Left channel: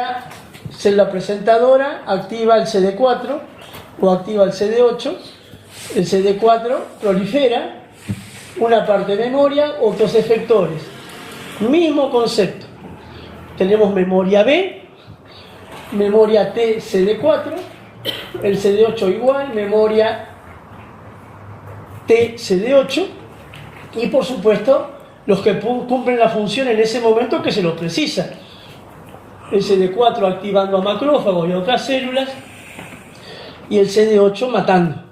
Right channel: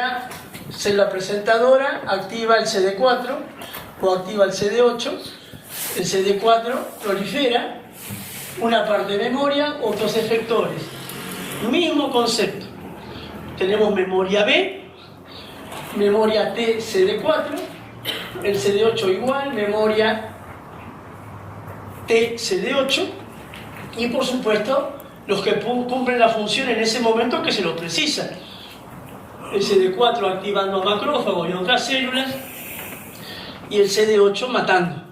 acá, célula presentadora, activa el CD4 o activa el CD8. El CD4 prolifera una parte de memoria, otros efectores. Mismo concepto. Tenemos memoria B, memoria T, CD4, el CD8 igual, memoria T, CD8, y por supuesto los que cumplen la función en ese momento que se lo precisan. El CD4 activando a macrófagos y otras células, y el CD8 matando.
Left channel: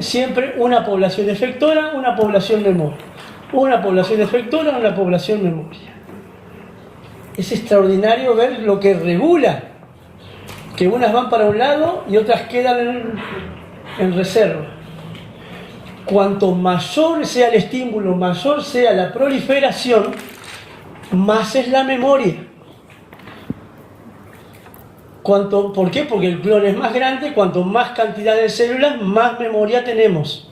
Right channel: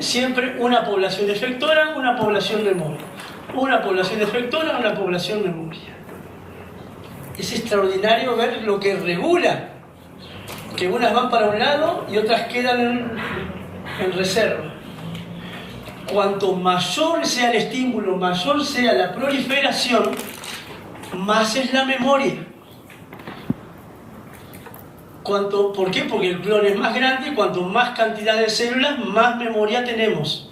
Siempre una población efectora, una población memoria. Una población efectora, una población memoria. Es extraordinario ver lo que regula, que unas van para un lado y otras quedan en reserva. Cuanto mayor sea el estímulo, mayor sea la proliferación, más es la memoria. ¿Por qué? Porque el clon es más grande, cuanto más cantidad de células, más memoria tenemos.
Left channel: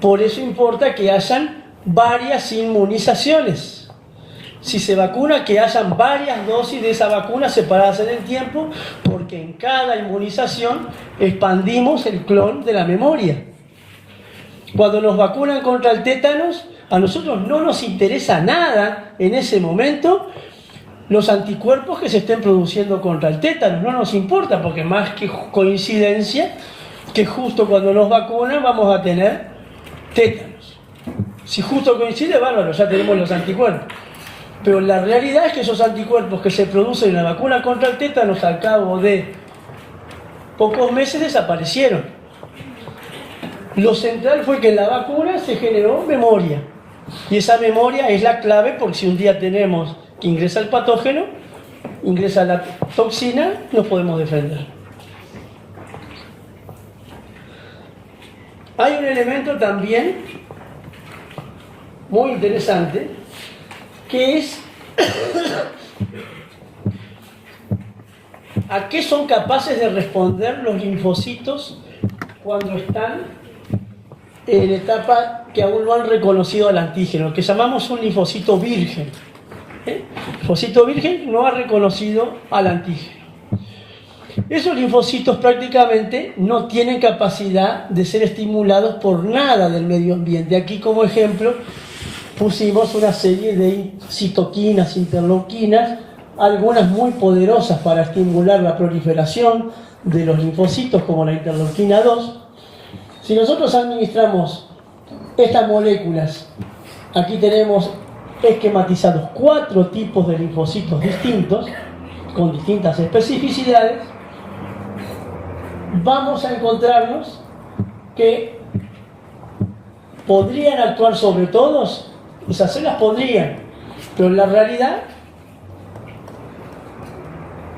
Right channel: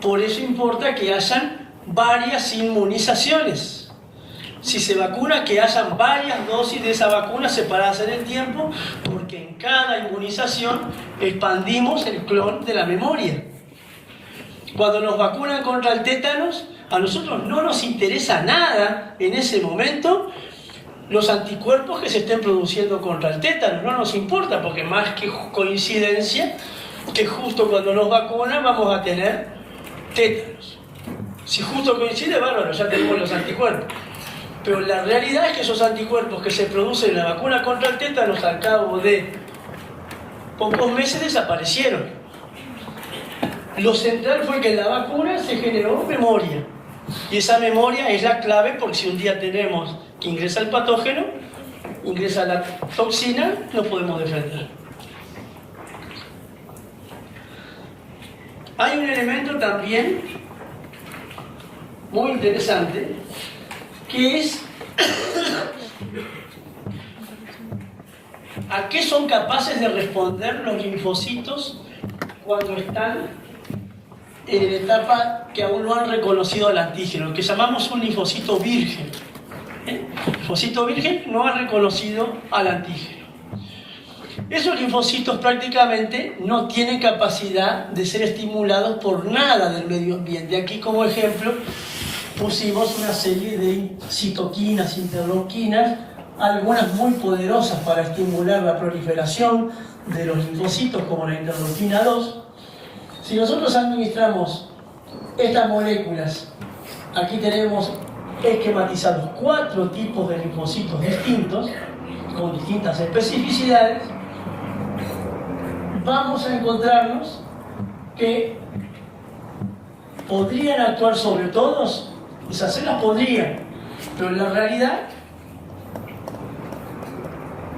Por eso importa que hayan varias inmunizaciones. Si se vacuna, que hayan varias dosis de esa vacuna separadas en el tiempo, porque en cada inmunización expandimos el clon de la memoria. Cuando nos vacunan contra el tétanos, a nosotros no nos interesa nada en ese momento los anticuerpos que se estén produciendo contra el tétanos, no nos importa, porque más que coincidencia que justo cuando nos vacunan vamos a tener tétanos. Si justo coincide, bárbaro, ya tenemos los anticuerpos. Pero la realidad es que esos anticuerpos que se producen en la vacuna contra el tétanos al cabo de pocos meses desaparecieron. Lo central fue que en la vacuna se generó memoria. Y esa memoria es la clave, porque si un día tenemos que ingresa el patógeno, ingresa la toxina, nos podemos defender. Hay un elemento también muy interesante, que es ¿a qué son capaces de responder los linfocitos cuando están en la etapa que aún no han reconocido al antígeno, que llamamos un linfocito virgen? El linfocito virgen no ha reconocido al antígeno. Esos linfocitos prácticamente no tienen capacidad de ser estimulados por nada del medio ambiente. Aquí como ejemplo pusimos una serie de citoquinas, interleuquinas, algunas muy poderosas para estimular la proliferación de los linfocitos, como la interleuquina 2. Si nosotros administramos estas moléculas, aquí tenemos esquematizados 4 tipos de linfocitos distintos, con distintas especificidades, vamos a encontrarnos que podrían actuar sobre todos. Esas células podrían, pero en la realidad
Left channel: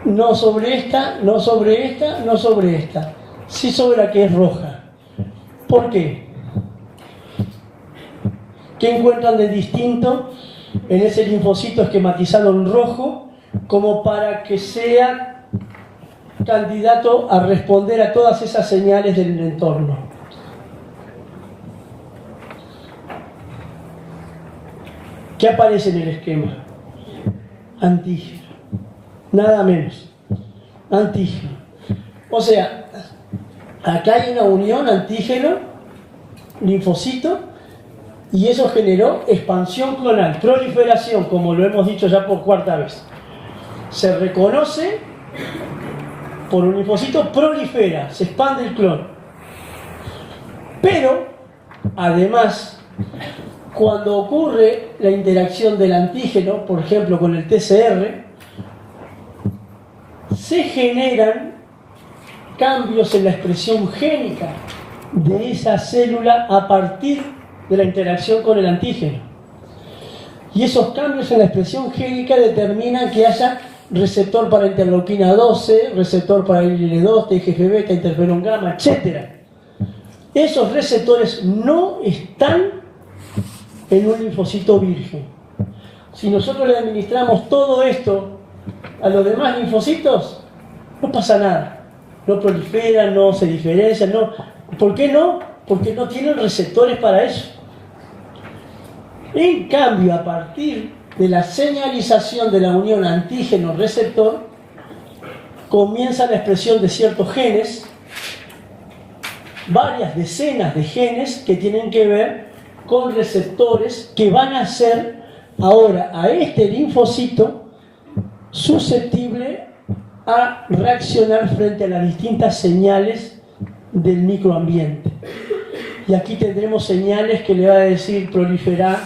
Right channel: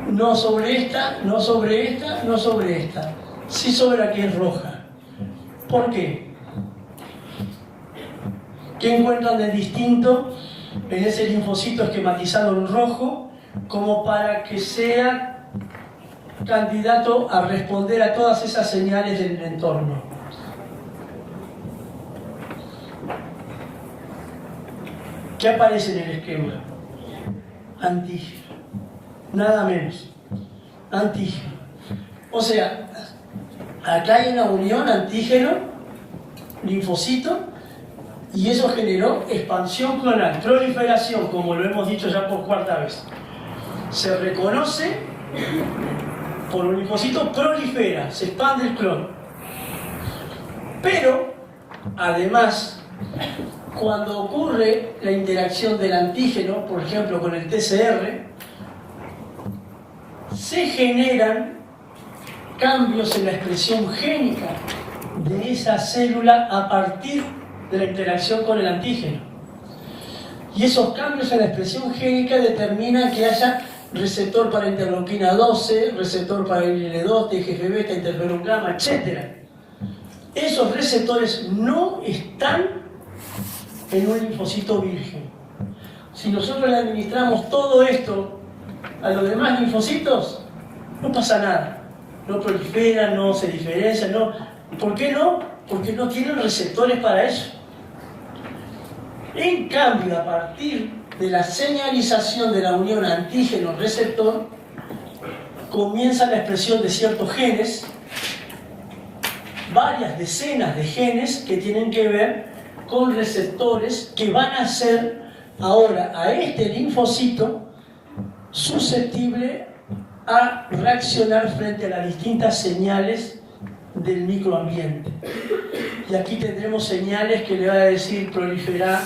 no sobre esta, no sobre esta, no sobre esta, sí sobre la que es roja. ¿Por qué? ¿Qué encuentran de distinto en ese linfocito esquematizado en rojo como para que sea candidato a responder a todas esas señales del entorno? ¿Qué aparece en el esquema? Antígeno. Nada menos. Antígeno. O sea, acá hay una unión antígeno-linfocito y eso generó expansión clonal, proliferación, como lo hemos dicho ya por 4ª vez. Se reconoce por un linfocito, prolifera, se expande el clon. Pero, además, cuando ocurre la interacción del antígeno, por ejemplo con el TCR, se generan cambios en la expresión génica de esa célula a partir de la interacción con el antígeno. Y esos cambios en la expresión génica determinan que haya receptor para interleuquina 12, receptor para IL-2, TGF-beta, interferón gamma, etc. Esos receptores no están en un linfocito virgen. Si nosotros le administramos todo esto a los demás linfocitos, no pasa nada. No proliferan, no se diferencian, no. ¿Por qué no? Porque no tienen receptores para eso. En cambio, a partir de la señalización de la unión antígeno-receptor, comienza la expresión de ciertos genes, varias decenas de genes que tienen que ver con receptores que van a hacer ahora a este linfocito susceptible a reaccionar frente a las distintas señales del microambiente. Y aquí tendremos señales que le va a decir proliferar,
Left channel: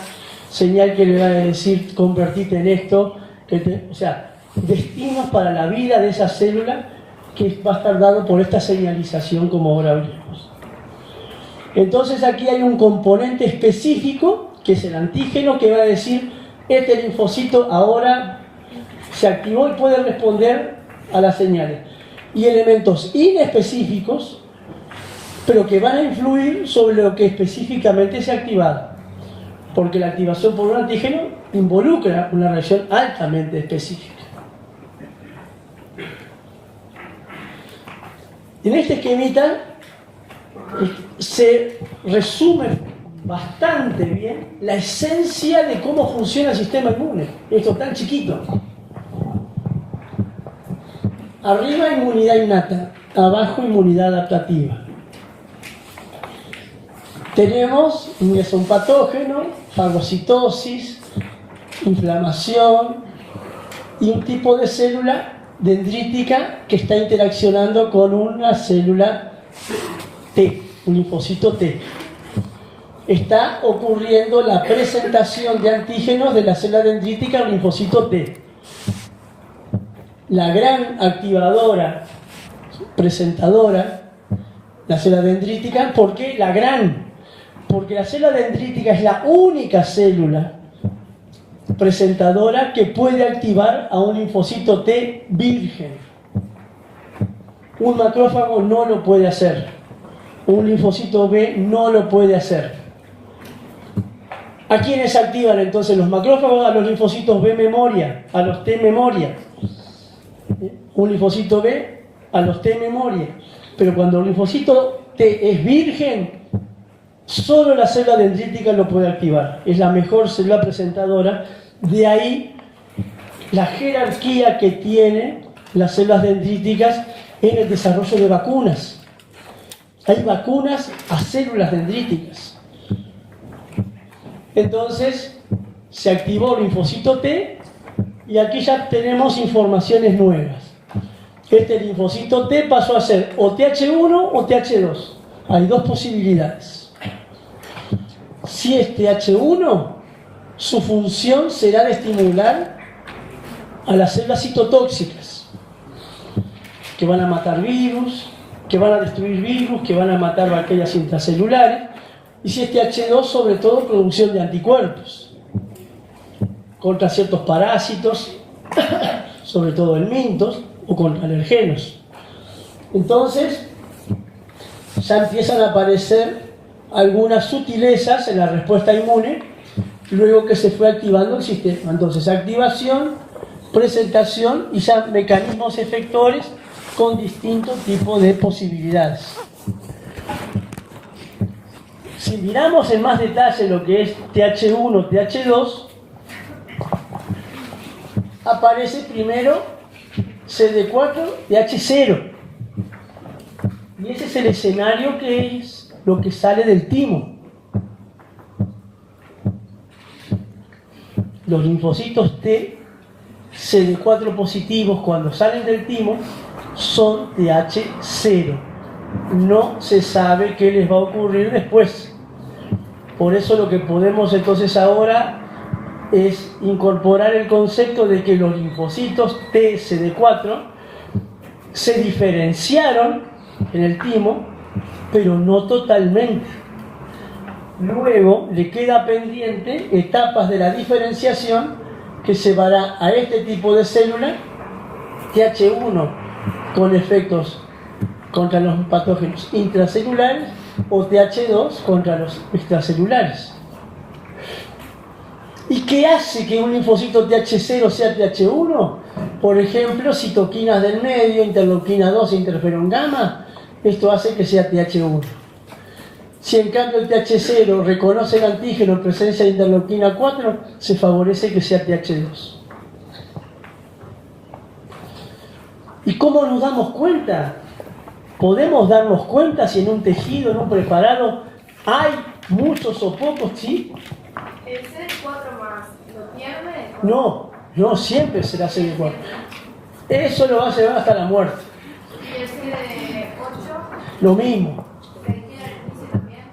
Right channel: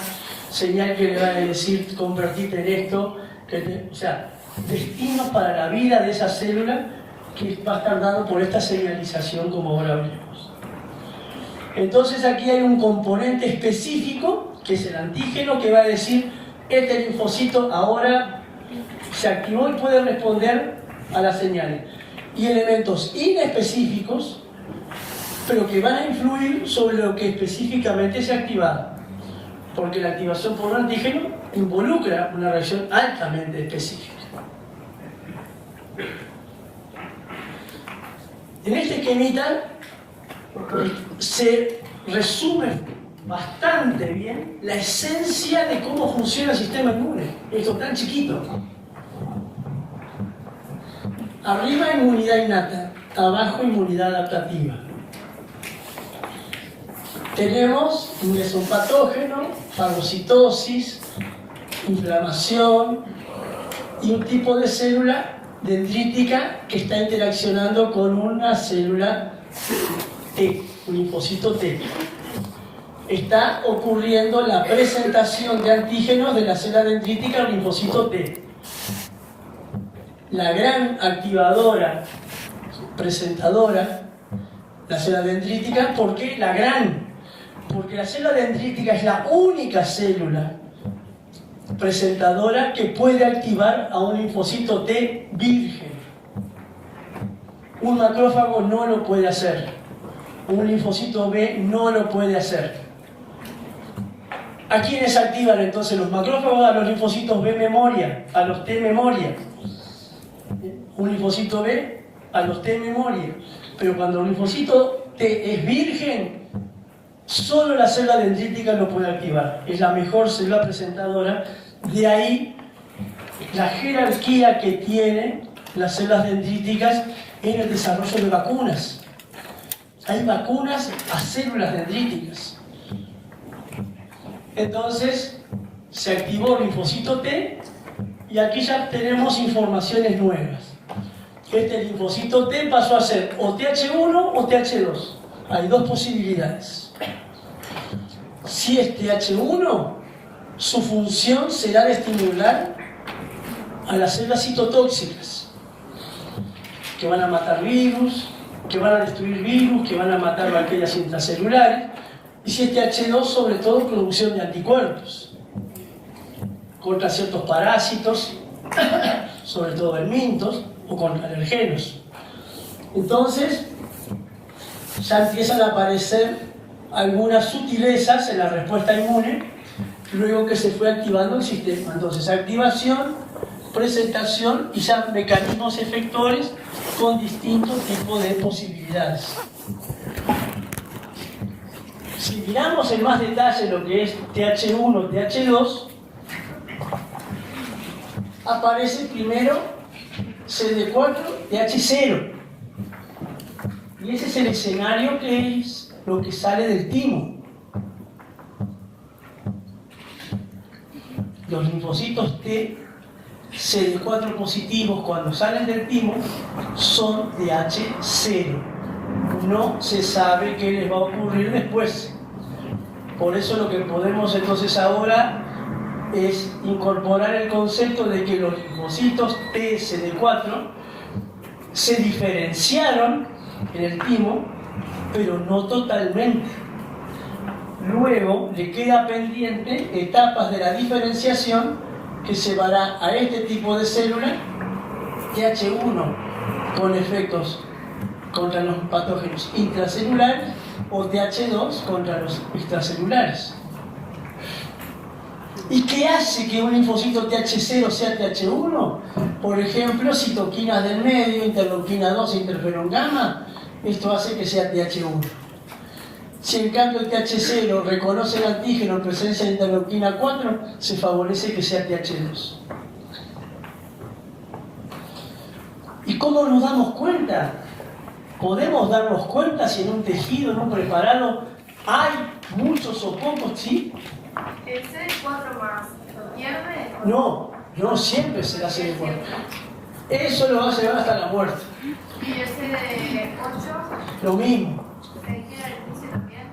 señal que le va a decir convertirte en esto, o sea, destinos para la vida de esa célula que va a estar dado por esta señalización, como ahora veremos. Entonces aquí hay un componente específico que es el antígeno, que va a decir este linfocito ahora se activó y puede responder a las señales, y elementos inespecíficos pero que van a influir sobre lo que específicamente se ha activado, porque la activación por un antígeno involucra una reacción altamente específica. En este esquemita se resume bastante bien la esencia de cómo funciona el sistema inmune. Esto tan chiquito. Arriba inmunidad innata, abajo inmunidad adaptativa. Tenemos un patógeno, fagocitosis, inflamación y un tipo de célula dendrítica que está interaccionando con una célula T, un linfocito T. Está ocurriendo la presentación de antígenos de la célula dendrítica al linfocito T. La gran activadora, presentadora, la célula dendrítica, ¿por qué la gran? Porque la célula dendrítica es la única célula presentadora que puede activar a un linfocito T virgen. Un macrófago no lo puede hacer. Un linfocito B no lo puede hacer. ¿A quiénes activan entonces los macrófagos? A los linfocitos B memoria, a los T memoria. Un linfocito B a los T memoria. Pero cuando el linfocito T es virgen, solo la célula dendrítica lo puede activar. Es la mejor célula presentadora. De ahí la jerarquía que tienen las células dendríticas en el desarrollo de vacunas. Hay vacunas a células dendríticas. Entonces se activó el linfocito T y aquí ya tenemos informaciones nuevas. Este linfocito T pasó a ser o TH1 o TH2. Hay dos posibilidades. Si es TH1, su función será de estimular a las células citotóxicas, que van a matar virus, que van a destruir virus, que van a matar bacterias intracelulares. Y si es TH2, sobre todo producción de anticuerpos contra ciertos parásitos, sobre todo helmintos, o contra alergenos. Entonces ya empiezan a aparecer algunas sutilezas en la respuesta inmune luego que se fue activando el sistema. Entonces activación, presentación y ya mecanismos efectores con distintos tipos de posibilidades. Si miramos en más detalle lo que es TH1, TH2, aparece primero CD4, TH0. Y ese es el escenario que es lo que sale del timo. Los linfocitos T, CD4 positivos, cuando salen del timo, son TH0. No se sabe qué les va a ocurrir después. Por eso lo que podemos entonces ahora es incorporar el concepto de que los linfocitos T, CD4 se diferenciaron en el timo, pero no totalmente. Luego le queda pendiente etapas de la diferenciación que llevará a este tipo de célula, TH1 con efectos contra los patógenos intracelulares o TH2 contra los extracelulares. ¿Y qué hace que un linfocito TH0 sea TH1? Por ejemplo, citoquinas del medio, interleuquina 2 e interferón gamma. Esto hace que sea TH1. Si en cambio el TH0 reconoce el antígeno en presencia de interleuquina 4, se favorece que sea TH2. ¿Y cómo nos damos cuenta? ¿Podemos darnos cuenta si en un tejido, en un preparado, hay muchos o pocos, sí? ¿El CD4 más lo pierde? No, siempre será CD4. Eso lo va a llevar hasta la muerte. ¿Y el CD8? Lo mismo. ¿Se queda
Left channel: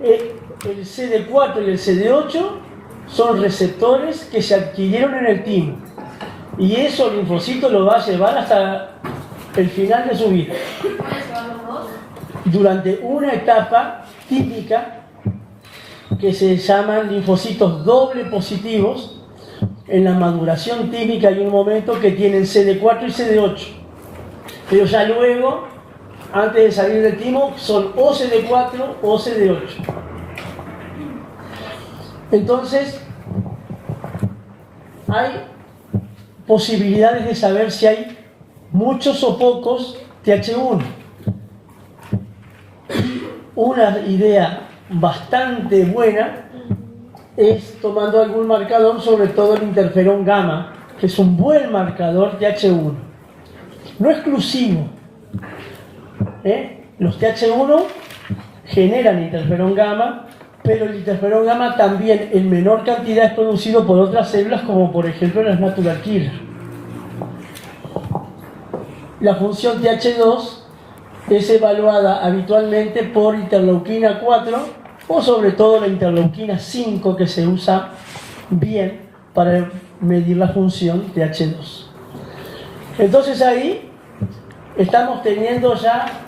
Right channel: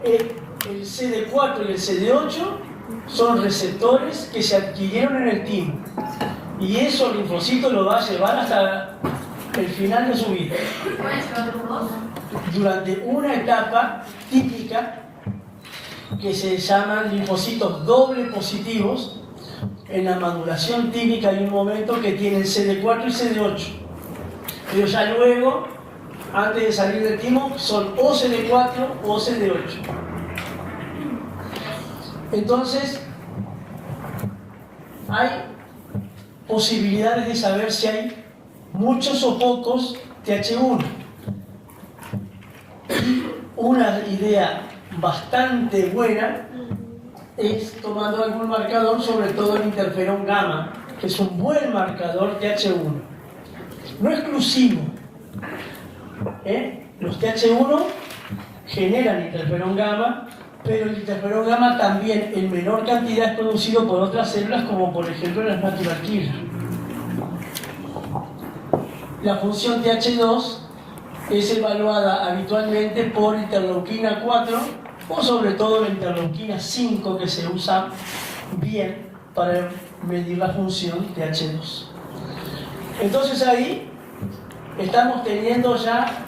El CD4 y el CD8 son receptores que se adquirieron en el timo. Y eso el linfocito lo va a llevar hasta el final de su vida. ¿Pueden llevar los dos? Durante una etapa típica que se llaman linfocitos doble positivos, en la maduración típica hay un momento que tienen CD4 y CD8. Pero ya luego, antes de salir del timo, son o CD4 o CD8. Entonces, hay posibilidades de saber si hay muchos o pocos TH1. Una idea bastante buena es tomando algún marcador, sobre todo el interferón gamma, que es un buen marcador TH1. No exclusivo. Los TH1 generan interferón gamma, pero el interferón gamma también en menor cantidad es producido por otras células, como por ejemplo las natural killer. La función TH2 es evaluada habitualmente por interleuquina 4 o sobre todo la interleuquina 5, que se usa bien para medir la función TH2. Entonces ahí estamos teniendo ya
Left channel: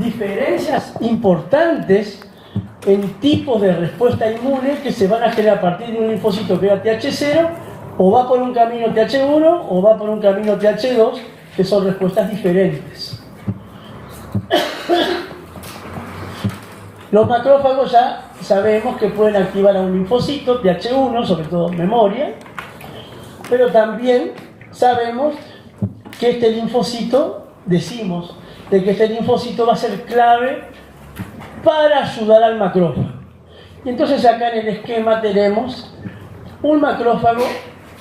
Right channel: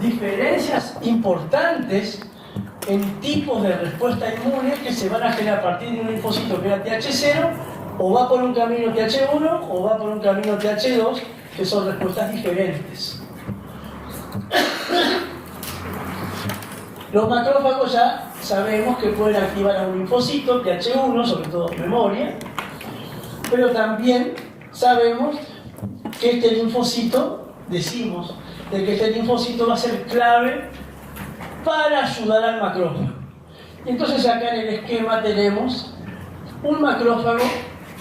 diferencias importantes en tipos de respuesta inmune que se van a generar a partir de un linfocito que era TH0, o va por un camino TH1 o va por un camino TH2, que son respuestas diferentes. Los macrófagos ya sabemos que pueden activar a un linfocito TH1, sobre todo en memoria, pero también sabemos que este linfocito, decimos, de que este linfocito va a ser clave para ayudar al macrófago. Y entonces acá en el esquema tenemos un macrófago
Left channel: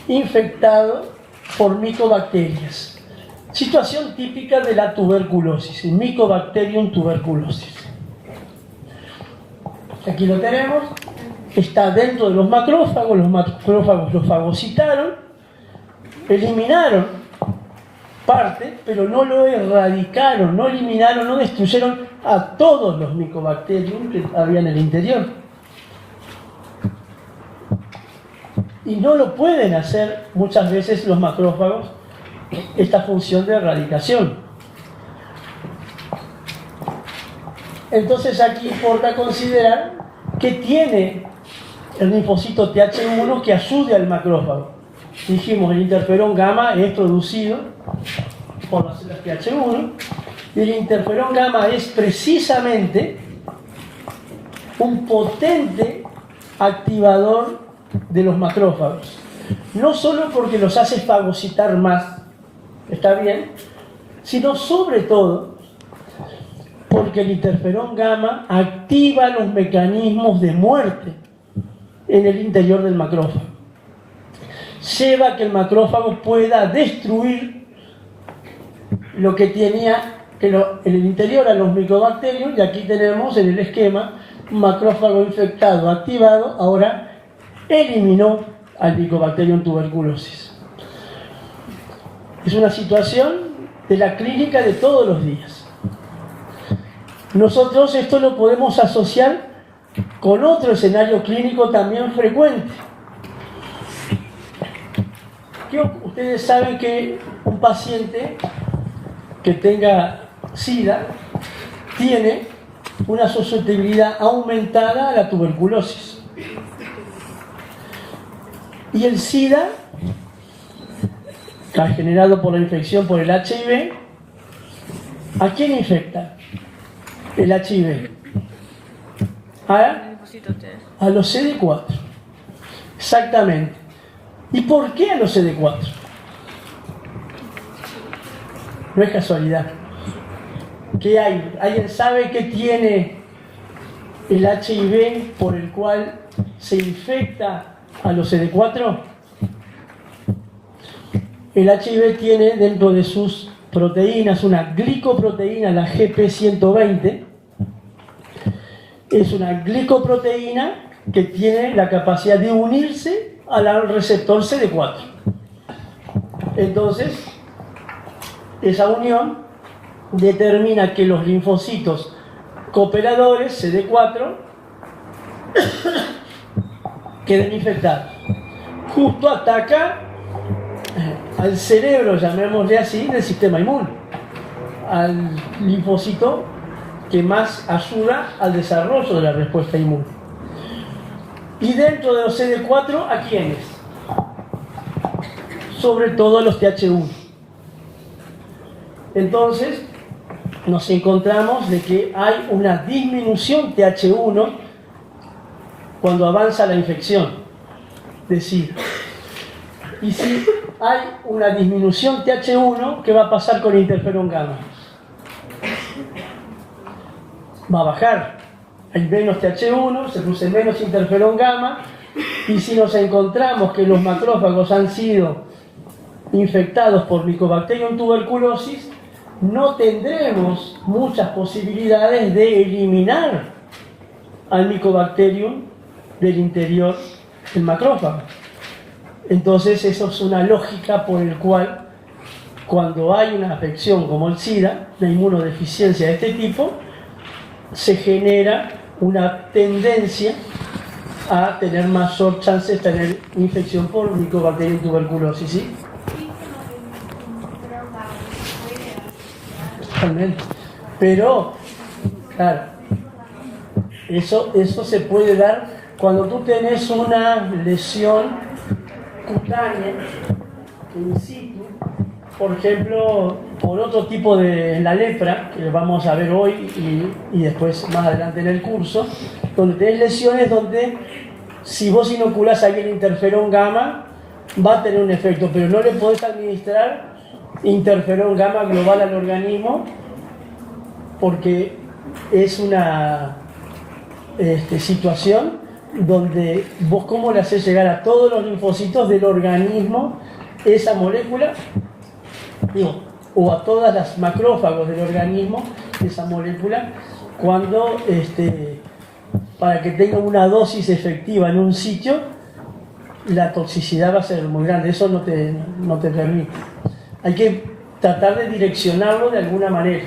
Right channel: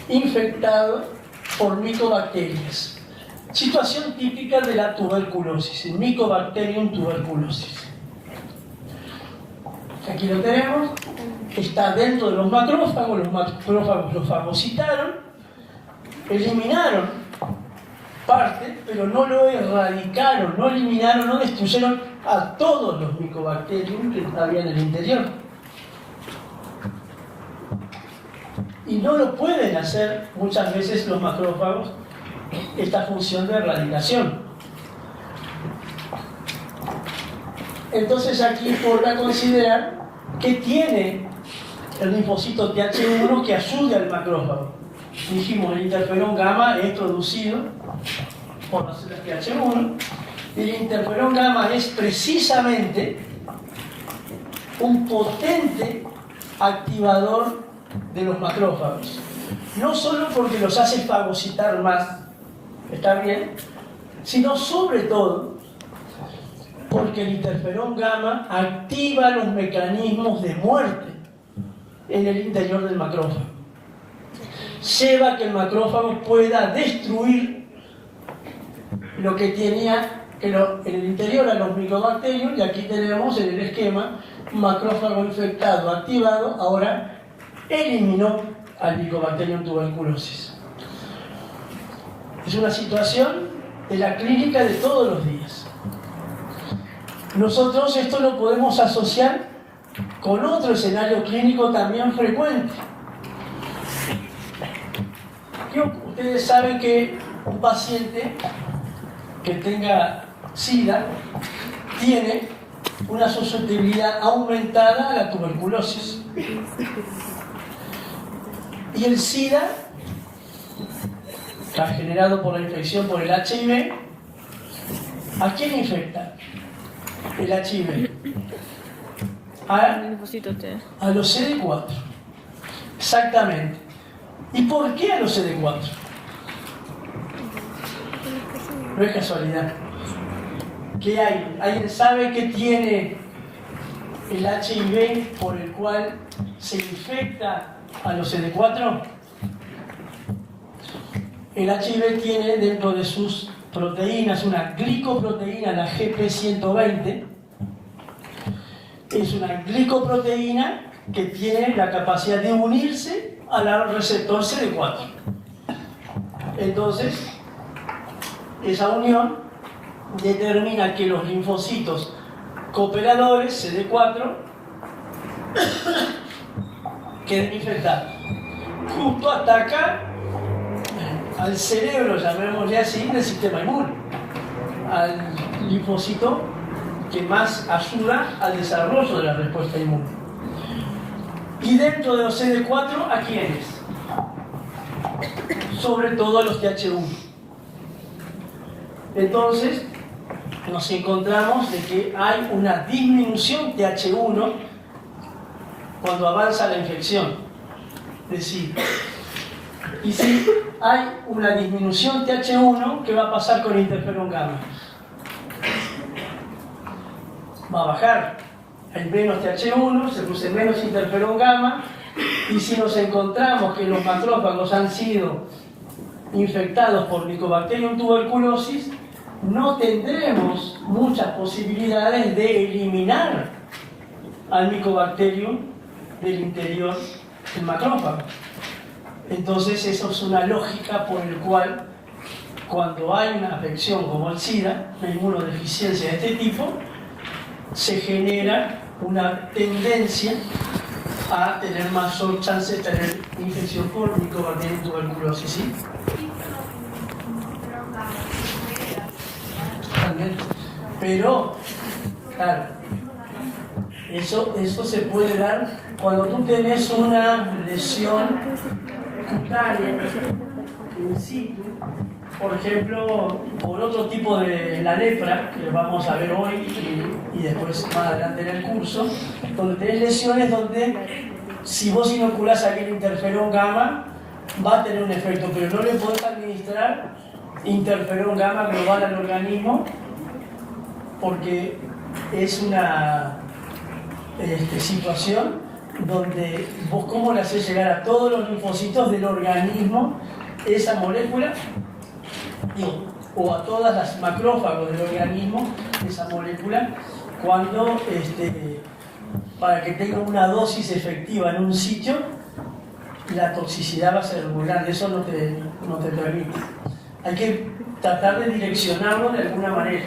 infectado por micobacterias. Situación típica de la tuberculosis, Mycobacterium tuberculosis. Aquí lo tenemos, está dentro de los macrófagos lo fagocitaron, eliminaron parte, pero no lo erradicaron, no eliminaron, no destruyeron a todos los Mycobacterium que había en el interior. Y no lo pueden hacer muchas veces los macrófagos esta función de erradicación. Entonces aquí importa considerar que tiene el linfocito TH1 que ayude al macrófago. Dijimos, el interferón gamma es producido por las células TH1 y el interferón gamma es precisamente un potente activador de los macrófagos. No solo porque los hace fagocitar más, está bien, sino sobre todo porque el interferón gamma activa los mecanismos de muerte en el interior del macrófago. Lleva a que el macrófago pueda destruir lo que tenía en el interior a los micobacterios, y aquí tenemos en el esquema un macrófago infectado activado, ahora eliminó al Mycobacterium tuberculosis. Es una situación de la clínica de todos los días. Nosotros esto lo podemos asociar con otro escenario clínico también frecuente. Ustedes saben que un paciente que tenga SIDA tiene una susceptibilidad aumentada a la tuberculosis. Y el SIDA, generado por la infección por el HIV, ¿a quién infecta el HIV? A los CD4. Exactamente. ¿Y por qué a los CD4? No es casualidad. ¿Qué hay? ¿Alguien sabe qué tiene el HIV por el cual se infecta a los CD4? El HIV tiene dentro de sus proteínas una glicoproteína, la GP120. Es una glicoproteína que tiene la capacidad de unirse al receptor CD4. Entonces, esa unión determina que los linfocitos cooperadores CD4 queden infectados. Justo ataca al cerebro, llamémosle así, del sistema inmune, al linfocito que más ayuda al desarrollo de la respuesta inmune. Y dentro de los CD4, ¿a quiénes? Sobre todo los TH1. Entonces, nos encontramos de que hay una disminución TH1 cuando avanza la infección. Es decir, y si hay una disminución TH1, ¿qué va a pasar con el interferón gamma? Va a bajar. Hay menos TH1, se produce menos interferón gamma, y si nos encontramos que los macrófagos han sido infectados por Mycobacterium tuberculosis, no tendremos muchas posibilidades de eliminar al Mycobacterium del interior del macrófago. Entonces, eso es una lógica por la cual, cuando hay una afección como el SIDA, la inmunodeficiencia de este tipo, se genera una tendencia a tener mayor chance de tener infección por Mycobacterium tuberculosis, ¿sí? Pero, claro, eso se puede dar cuando tú tenés una lesión cutánea in situ, por ejemplo, por otro tipo de la lepra, que vamos a ver hoy y después más adelante en el curso, donde tenés lesiones donde si vos inoculás ahí el interferón gamma, va a tener un efecto, pero no le podés administrar interferón gamma global al organismo porque es una situación donde vos cómo le haces llegar a todos los linfocitos del organismo esa molécula, o a todas las macrófagos del organismo esa molécula, cuando para que tenga una dosis efectiva en un sitio, la toxicidad va a ser muy grande, eso no te permite. Hay que tratar de direccionarlo de alguna manera.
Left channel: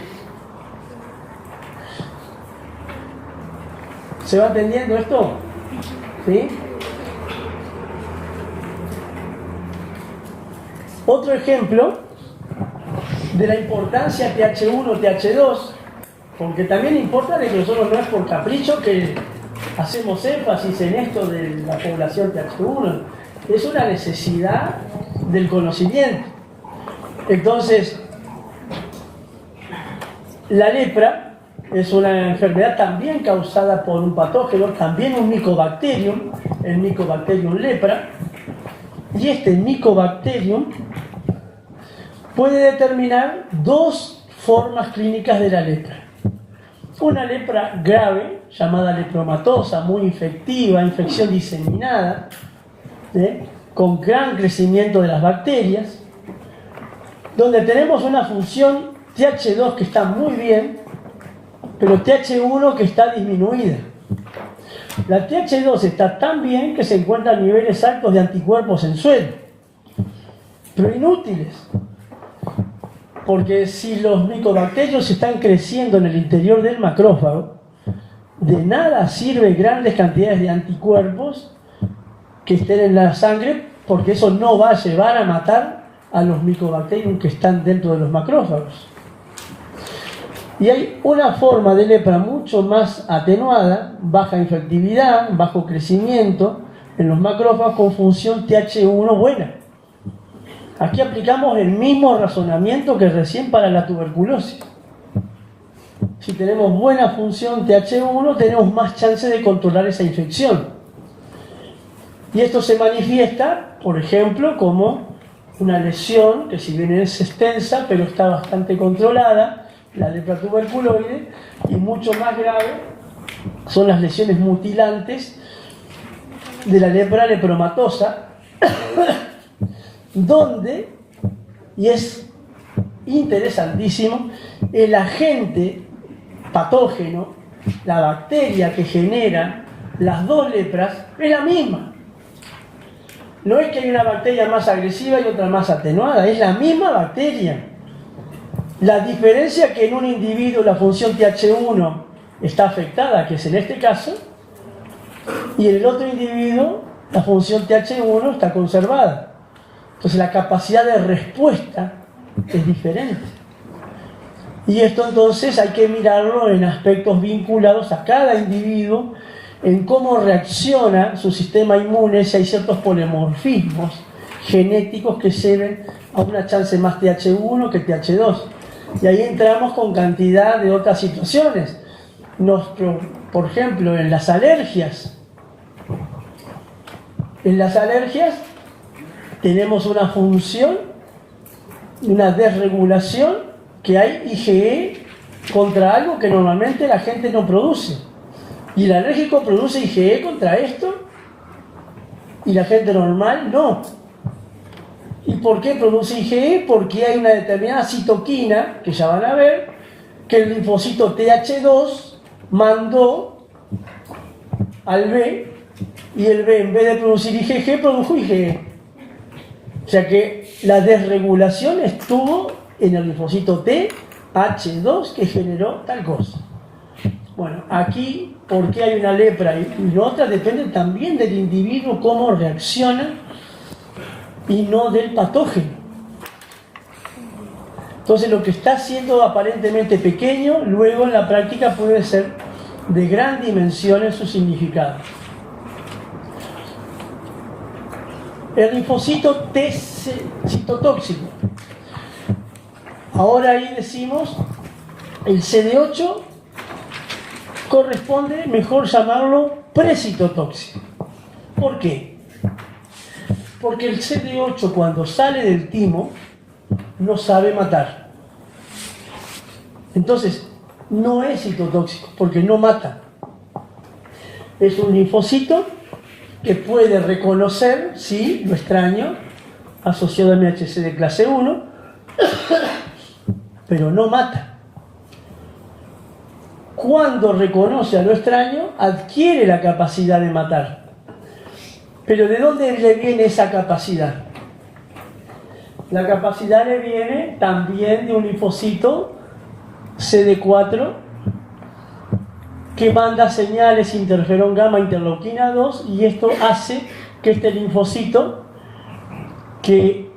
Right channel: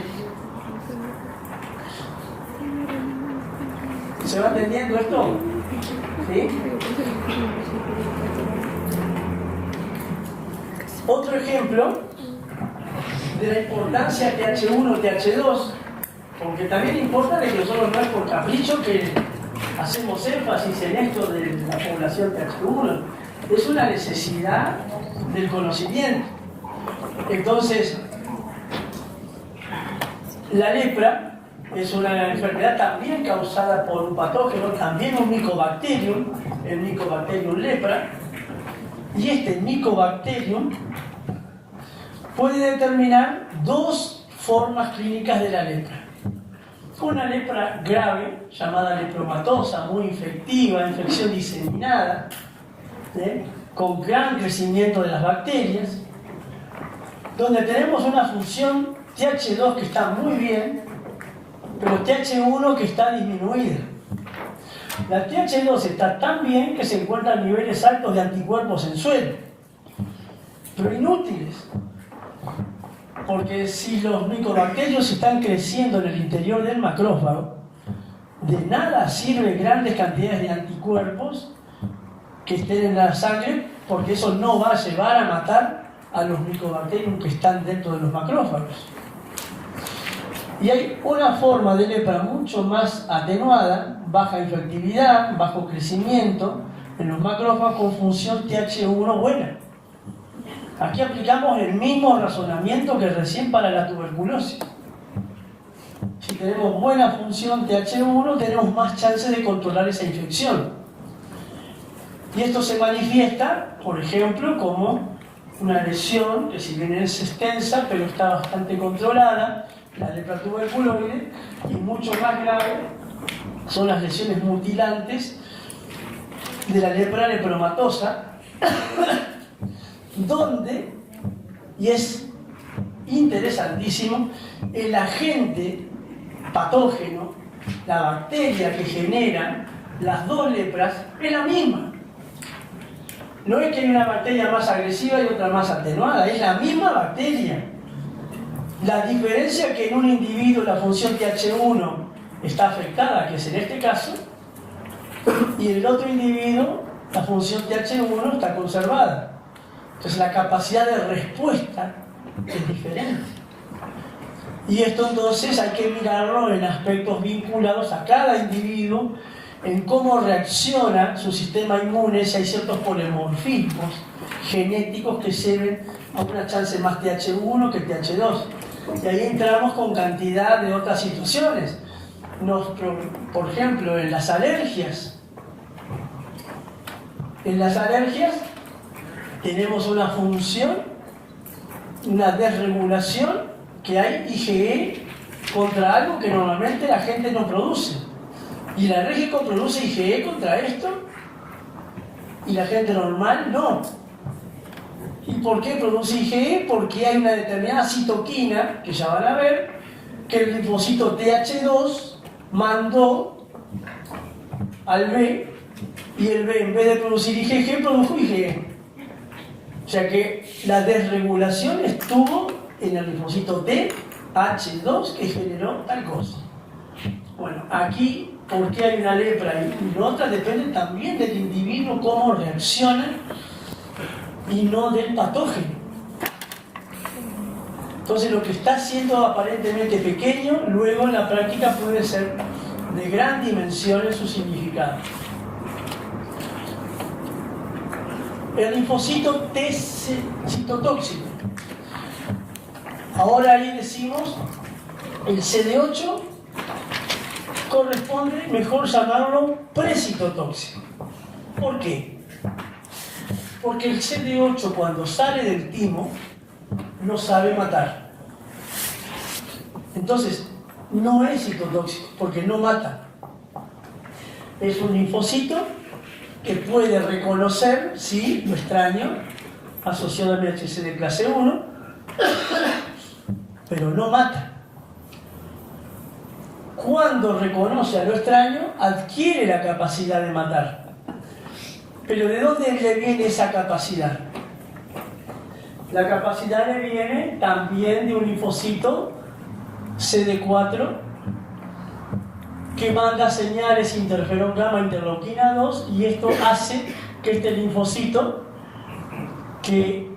¿Se va entendiendo esto? ¿Sí? Otro ejemplo de la importancia TH1, TH2, porque también importa de que nosotros no es por capricho que hacemos énfasis en esto de la población TH1, es una necesidad del conocimiento. Entonces, la lepra es una enfermedad también causada por un patógeno, también un Mycobacterium, el Mycobacterium lepra, y este Mycobacterium puede determinar dos formas clínicas de la lepra. Una lepra grave, llamada lepromatosa, muy infectiva, infección diseminada, con gran crecimiento de las bacterias, donde tenemos una función TH2 que está muy bien, pero TH1 que está disminuida. La TH2 está tan bien que se encuentran niveles altos de anticuerpos en suelo, pero inútiles, porque si los micobacterios están creciendo en el interior del macrófago, de nada sirven grandes cantidades de anticuerpos que estén en la sangre, porque eso no va a llevar a matar a los micobacterios que están dentro de los macrófagos. Y hay una forma de lepra mucho más atenuada, baja infectividad, bajo crecimiento en los macrófagos con función TH1 buena. Aquí aplicamos el mismo razonamiento que recién para la tuberculosis. Si tenemos buena función TH1, tenemos más chance de controlar esa infección. Y esto se manifiesta, por ejemplo, como una lesión que si bien es extensa, pero está bastante controlada, la lepra tuberculoide, y mucho más grave son las lesiones mutilantes de la lepra lepromatosa, donde, y es interesantísimo, el agente patógeno, la bacteria que genera las dos lepras, es la misma. No es que hay una bacteria más agresiva y otra más atenuada, es la misma bacteria. La diferencia es que en un individuo la función TH1 está afectada, que es en este caso, y en el otro individuo la función TH1 está conservada. Entonces la capacidad de respuesta es diferente. Y esto entonces hay que mirarlo en aspectos vinculados a cada individuo, en cómo reacciona su sistema inmune, si hay ciertos polimorfismos genéticos que lleven a una chance más TH1 que TH2. Y ahí entramos con cantidad de otras situaciones. Por ejemplo, en las alergias. En las alergias tenemos una función, una desregulación, que hay IgE contra algo que normalmente la gente no produce. Y el alérgico produce IgE contra esto y la gente normal no. ¿Y por qué produce IgE? Porque hay una determinada citoquina, que ya van a ver, que el linfocito TH2 mandó al B, y el B, en vez de producir IgG, produjo IgE. O sea que la desregulación estuvo en el linfocito TH2 que generó tal cosa. Bueno, aquí, ¿por qué hay una lepra y otra? Depende también del individuo, cómo reacciona, y no del patógeno. Entonces lo que está siendo aparentemente pequeño, luego en la práctica puede ser de gran dimensión en su significado. El linfocito T citotóxico. Ahora ahí decimos, el CD8 corresponde, mejor llamarlo precitotóxico. ¿Por qué? Porque el CD8 cuando sale del timo no sabe matar. Entonces, no es citotóxico porque no mata. Es un linfocito que puede reconocer, sí, lo extraño, asociado a MHC de clase 1, pero no mata. Cuando reconoce a lo extraño, adquiere la capacidad de matar. Pero ¿de dónde le viene esa capacidad? La capacidad le viene también de un linfocito CD4 que manda señales interferón gamma, interleuquina 2, y esto hace que este linfocito que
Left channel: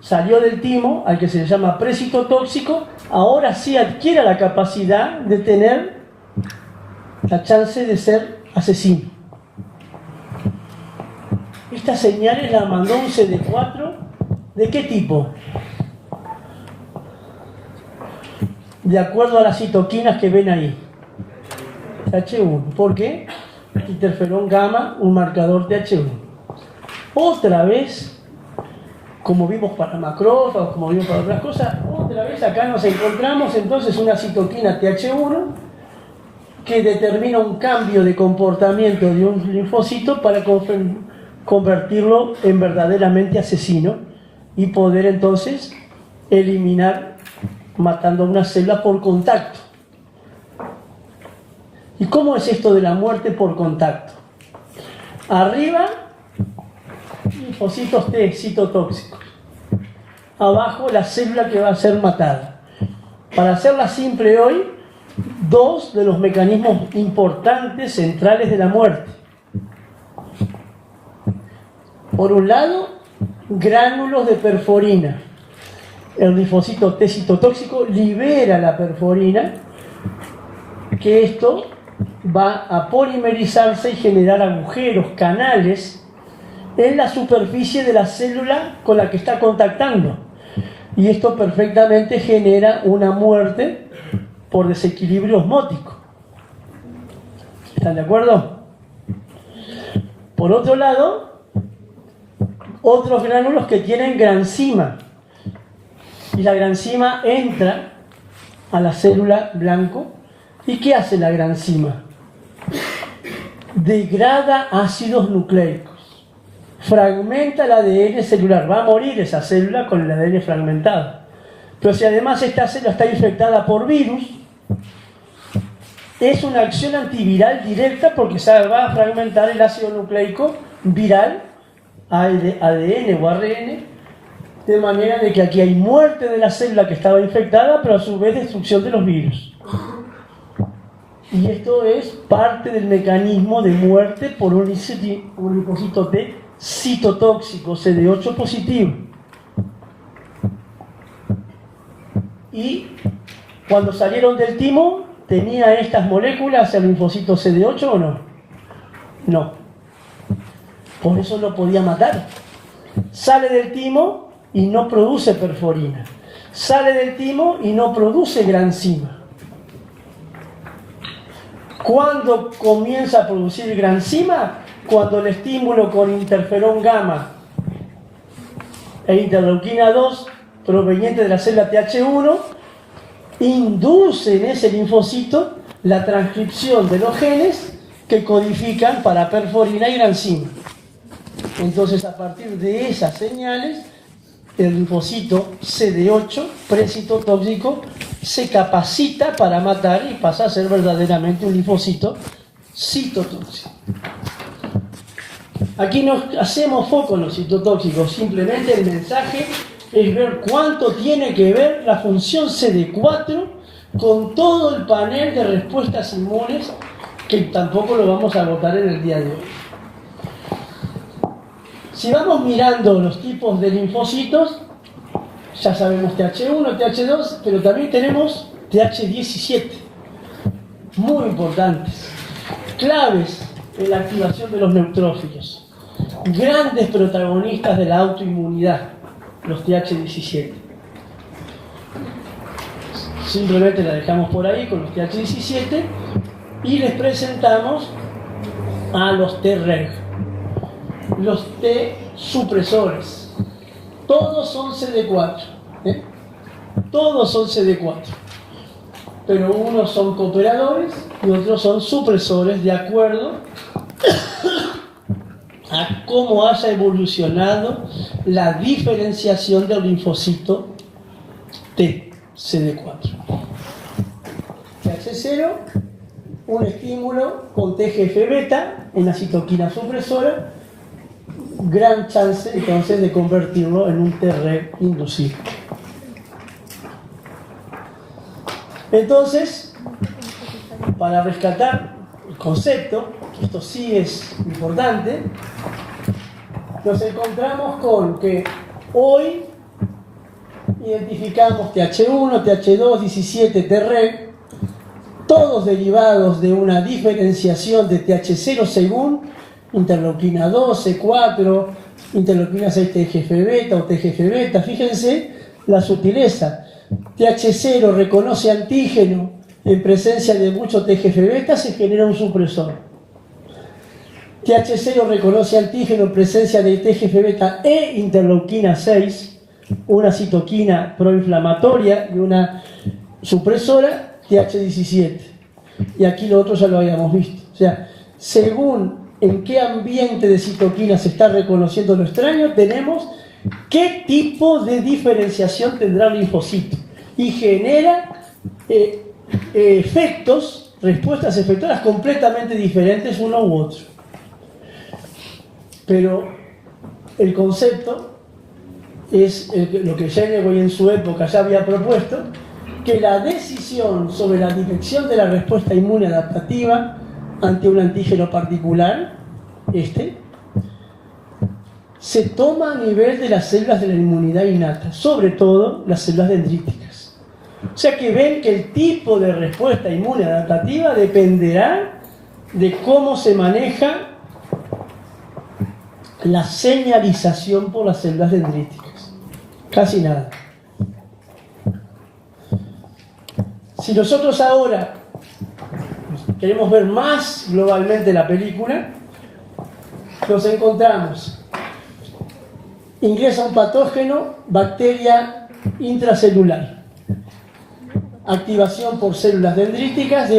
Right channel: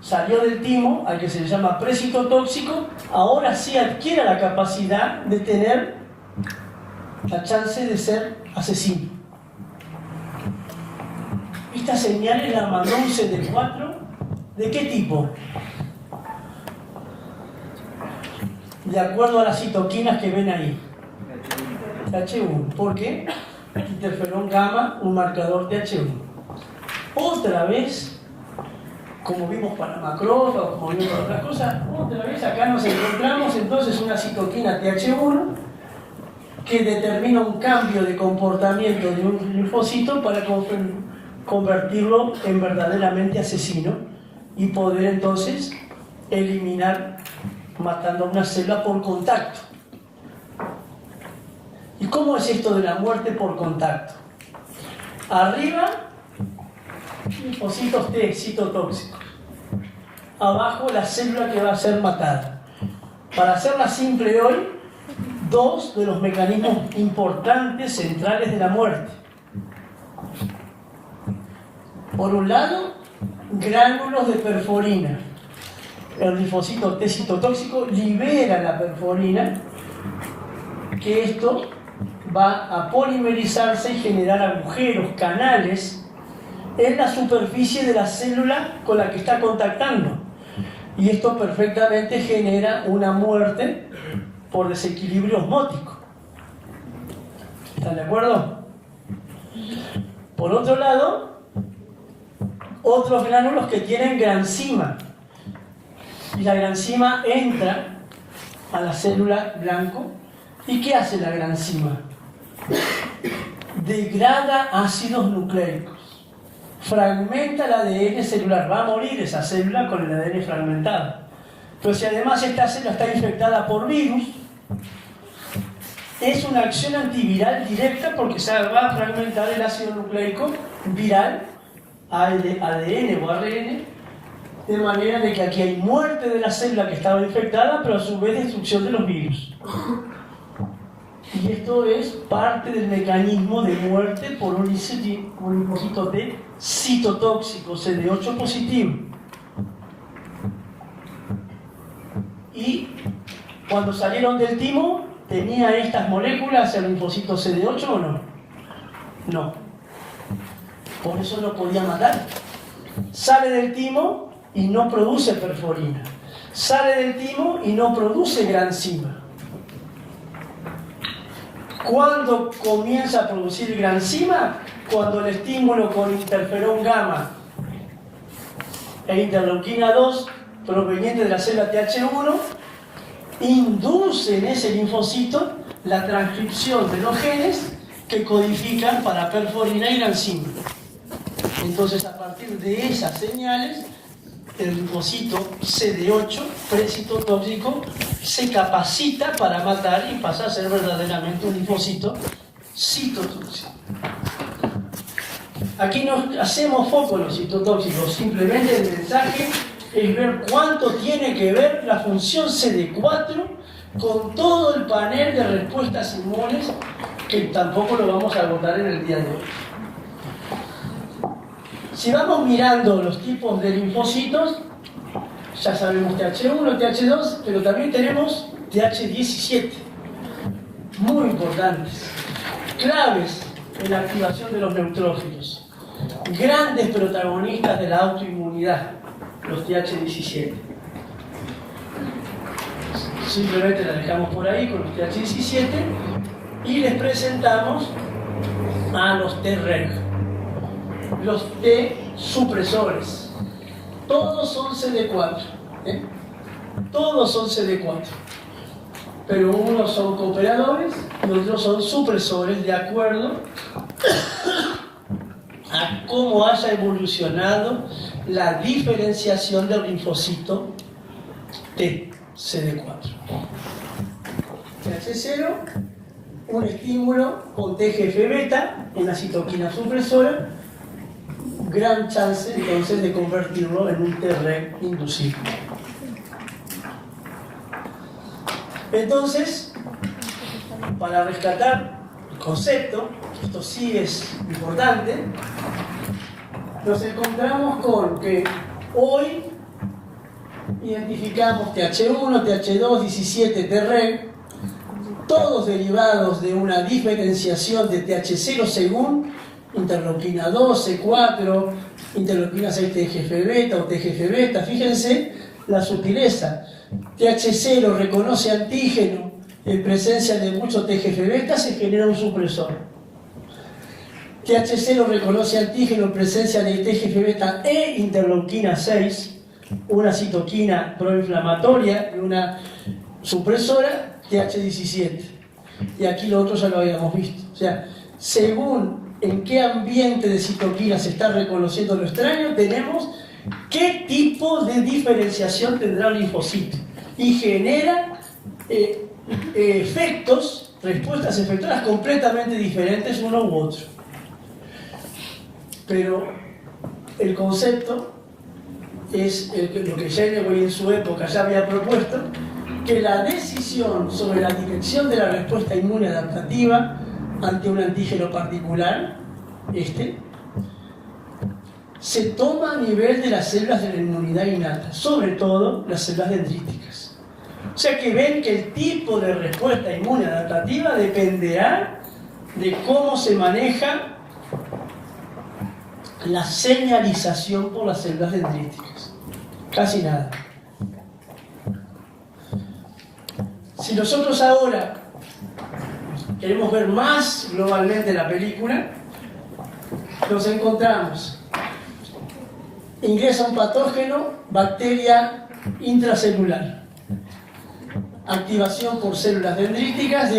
salió del timo, al que se le llama precitotóxico, ahora sí adquiera la capacidad de tener la chance de ser asesino. Estas señales las mandó un CD4, ¿de qué tipo? De acuerdo a las citoquinas que ven ahí. TH1. ¿Por qué? Interferón gamma, un marcador TH1. Otra vez, como vimos para macrófagos, como vimos para otras cosas, otra vez acá nos encontramos entonces una citoquina TH1 que determina un cambio de comportamiento de un linfocito para convertirlo en verdaderamente asesino y poder entonces eliminar matando a una célula por contacto. ¿Y cómo es esto de la muerte por contacto? Arriba, linfocitos T citotóxicos. Abajo, la célula que va a ser matada. Para hacerla simple hoy, dos de los mecanismos importantes centrales de la muerte. Por un lado, gránulos de perforina. El linfocito T citotóxico libera la perforina, que esto va a polimerizarse y generar agujeros, canales, en la superficie de la célula con la que está contactando. Y esto perfectamente genera una muerte por desequilibrio osmótico. ¿Están de acuerdo? Por otro lado, otros gránulos que tienen granzima. Y la granzima entra a la célula blanco. ¿Y qué hace la granzima? degrada ácidos nucleicos, fragmenta el ADN celular, va a morir esa célula con el ADN fragmentado. Pero si además esta célula está infectada por virus, es una acción antiviral directa porque se va a fragmentar el ácido nucleico viral, ADN o ARN, de manera de que aquí hay muerte de la célula que estaba infectada, pero a su vez destrucción de los virus. Y esto es parte del mecanismo de muerte por un linfocito T citotóxico, CD8 positivo. Y cuando salieron del timo, ¿tenía estas moléculas el linfocito CD8 o no? No. Por eso no podía matar. Sale del timo y no produce perforina. Sale del timo y no produce granzima. ¿Cuándo comienza a producir granzima? Cuando el estímulo con interferón gamma e interleuquina 2 proveniente de la célula TH1 induce en ese linfocito la transcripción de los genes que codifican para perforina y granzima. Entonces, a partir de esas señales, el linfocito CD8 precitotóxico se capacita para matar y pasa a ser verdaderamente un linfocito citotóxico. Aquí no hacemos foco en los citotóxicos, simplemente el mensaje es ver cuánto tiene que ver la función CD4 con todo el panel de respuestas inmunes, que tampoco lo vamos a agotar en el día de hoy. Si vamos mirando los tipos de linfocitos, ya sabemos TH1, TH2, pero también tenemos TH17, muy importantes, claves en la activación de los neutrófilos, grandes protagonistas de la autoinmunidad, los TH17. Simplemente la dejamos por ahí con los TH17 y les presentamos a los Treg, los T supresores. Todos son CD4, todos son CD4, pero unos son cooperadores y otros son supresores de acuerdo a cómo haya evolucionado la diferenciación del linfocito T, CD4. TH0, un estímulo con TGF-beta, una citoquina supresora, gran chance entonces de convertirlo en un Treg inducido. Entonces, para rescatar el concepto, esto sí es importante, nos encontramos con que hoy identificamos TH1, TH2, 17 Treg, todos derivados de una diferenciación de TH0 según interleuquina 2, C4, interleuquina 6 TGF-beta o TGF-beta. Fíjense la sutileza. TH0 reconoce antígeno en presencia de mucho TGF-beta, se genera un supresor. TH0 reconoce antígeno en presencia de TGF-beta e interleuquina 6, una citoquina proinflamatoria y una supresora, TH17. Y aquí lo otro ya lo habíamos visto. O sea, según en qué ambiente de citoquina se está reconociendo lo extraño, tenemos qué tipo de diferenciación tendrá el linfocito. Y genera efectos, respuestas efectoras completamente diferentes uno u otro. Pero el concepto es lo que Jennings en su época ya había propuesto, que la decisión sobre la dirección de la respuesta inmune adaptativa ante un antígeno particular, se toma a nivel de las células de la inmunidad innata, sobre todo las células dendríticas. O sea que ven que el tipo de respuesta inmune adaptativa dependerá de cómo se maneja la señalización por las células dendríticas. Casi nada. Si nosotros ahora queremos ver más globalmente la película, nos encontramos: ingresa un patógeno, bacteria intracelular. activación por células dendríticas,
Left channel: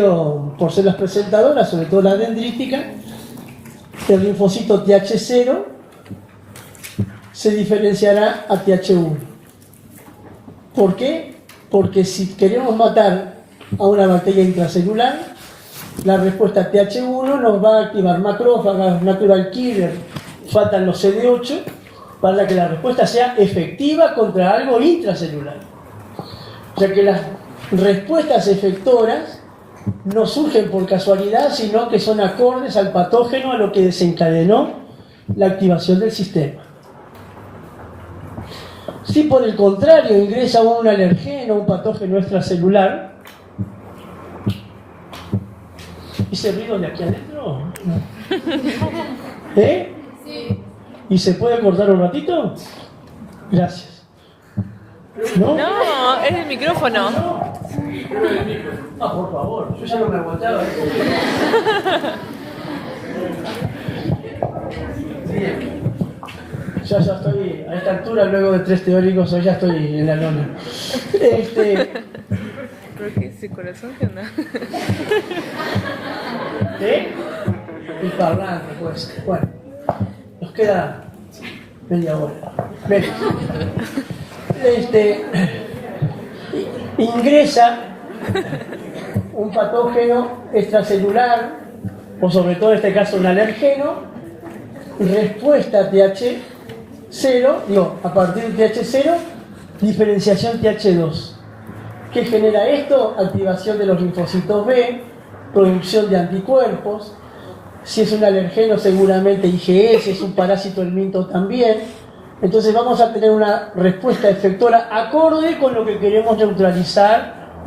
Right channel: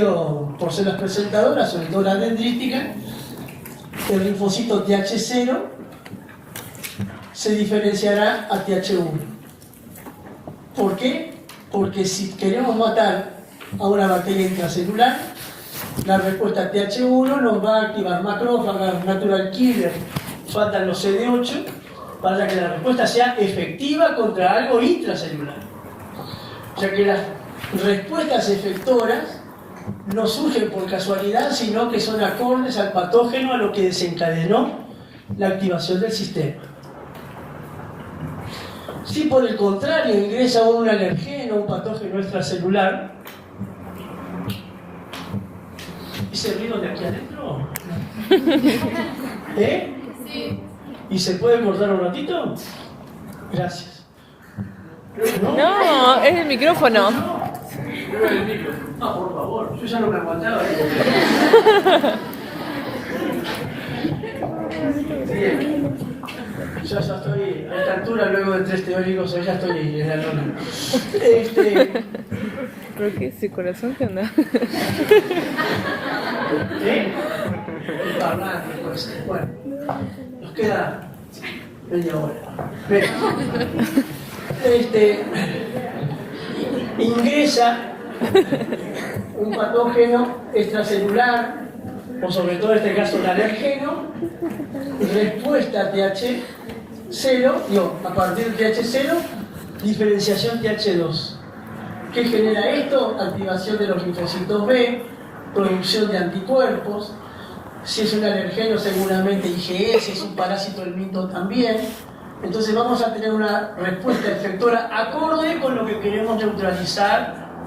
por células presentadoras, sobre todo las dendríticas. El linfocito TH0 se diferenciará a TH1. ¿Por qué? Porque si queremos matar a una bacteria intracelular, la respuesta TH1 nos va a activar macrófagas, natural killer, faltan los CD8, para que la respuesta sea efectiva contra algo intracelular. Ya que las respuestas efectoras no surgen por casualidad, sino que son acordes al patógeno, a lo que desencadenó la activación del sistema. Si por el contrario ingresa un alergeno, un patógeno extracelular, ¿y se ruido de aquí adentro? ¿Eh? Sí. ¿Y se puede cortar un ratito? Gracias. No, es el micrófono. Pero el micro. No, por favor, yo ya no me aguantaba. Bien. Ya estoy a esta altura, luego de 3 teóricos, ya estoy en la lona. ¿Pero qué? ¿Ese corazón qué onda? Un parlante, pues. Bueno, nos queda media hora. Bien. Ingresa un patógeno extracelular, o sobre todo en este caso un alergeno, respuesta TH0, a partir de TH0, diferenciación TH2. ¿Qué genera esto? Activación de los linfocitos B, producción de anticuerpos. Si es un alergeno, seguramente IgE, si es un parásito, el minto también. Entonces vamos a tener una respuesta efectora acorde con lo que queremos neutralizar